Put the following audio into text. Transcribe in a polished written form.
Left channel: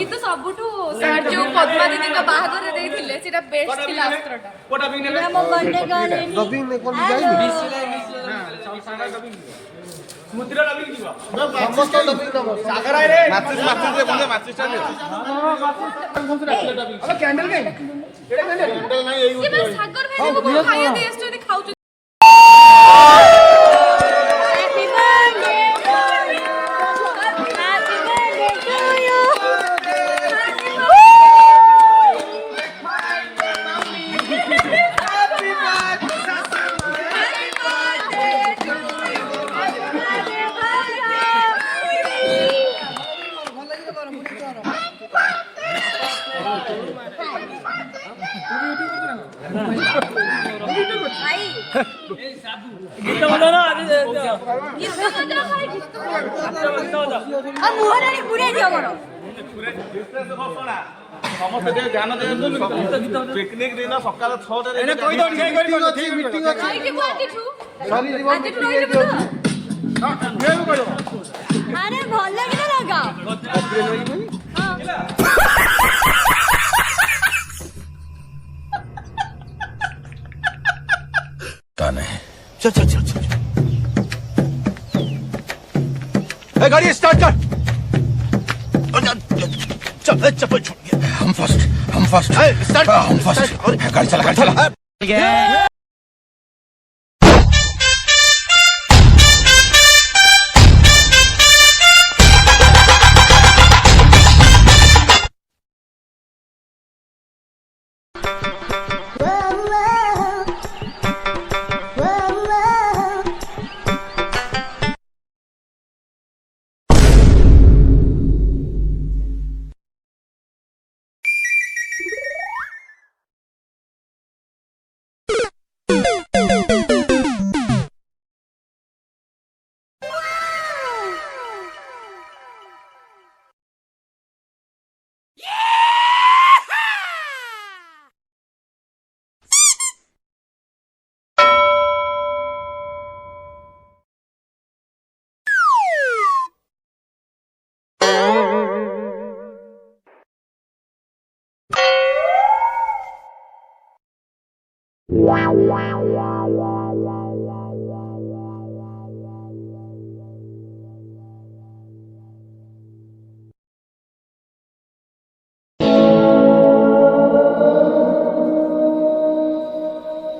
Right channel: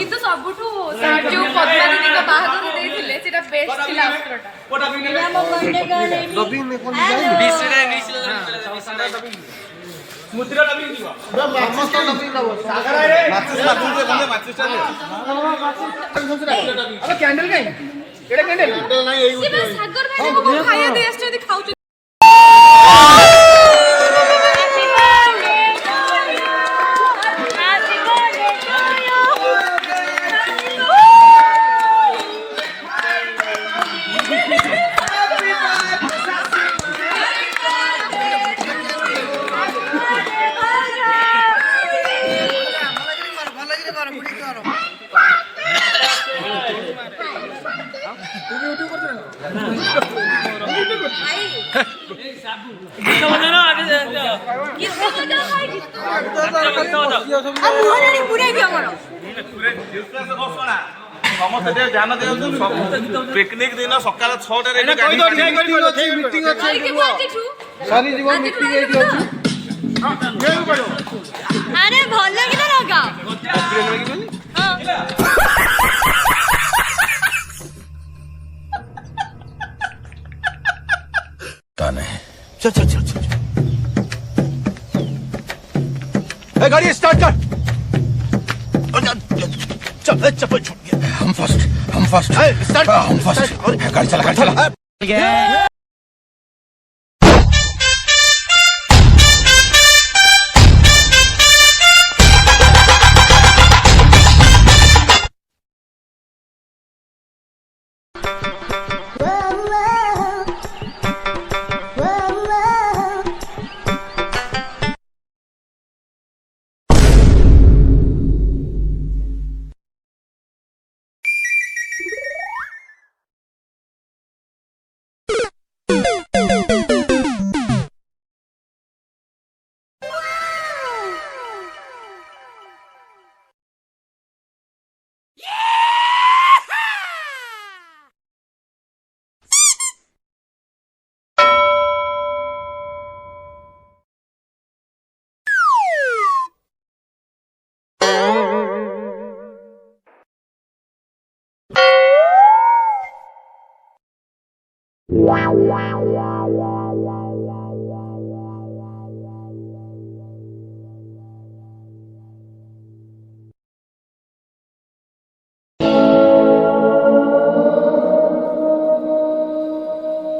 କିନ୍ତୁ ସବୁଠୁ ଯୋଉ ପଦ୍ମା ଦିଦିଙ୍କ ବାହାଘର ଦେଇଥିଲେ ସେଟା ବେଷ୍ଟ ଥିଲା ଅସ୍ତ୍ରଟା। ଆମ ବଣ୍ଡେ ଗଲେନି ମୁଦ୍ରାଟା ବି ଯିବ ସାଗର ରେ ମାଚିସ୍ ଦେ ବଣ୍ଡେ ମାଚିସ୍ ଟା ଦେ କ୍ୟାଣ୍ଡେଲ କାଇଁ ଏଟା କ୍ୟାଣ୍ଡେଲ ନାହିଁ ଏଇ ସାଗର ଭାଇ ଖାଇବା ଦେଇ ଆସିଛନ୍ତି ଖାଉଛନ୍ତି। ସମସ୍ତେ ଧ୍ୟାନ ଦିଅନ୍ତୁ ପିକନିକ ଦିନ ସକାଳ 6ଟାରେ ଆରେ ଭଲ କିନା ଲଗା चल चल चल चल गाड़ी स्टार्ट कर चल चप्पल छूट गया हम फर्स्ट स्टार्ट हम फर्स्ट गाड़ी चला Wow, wow, wow.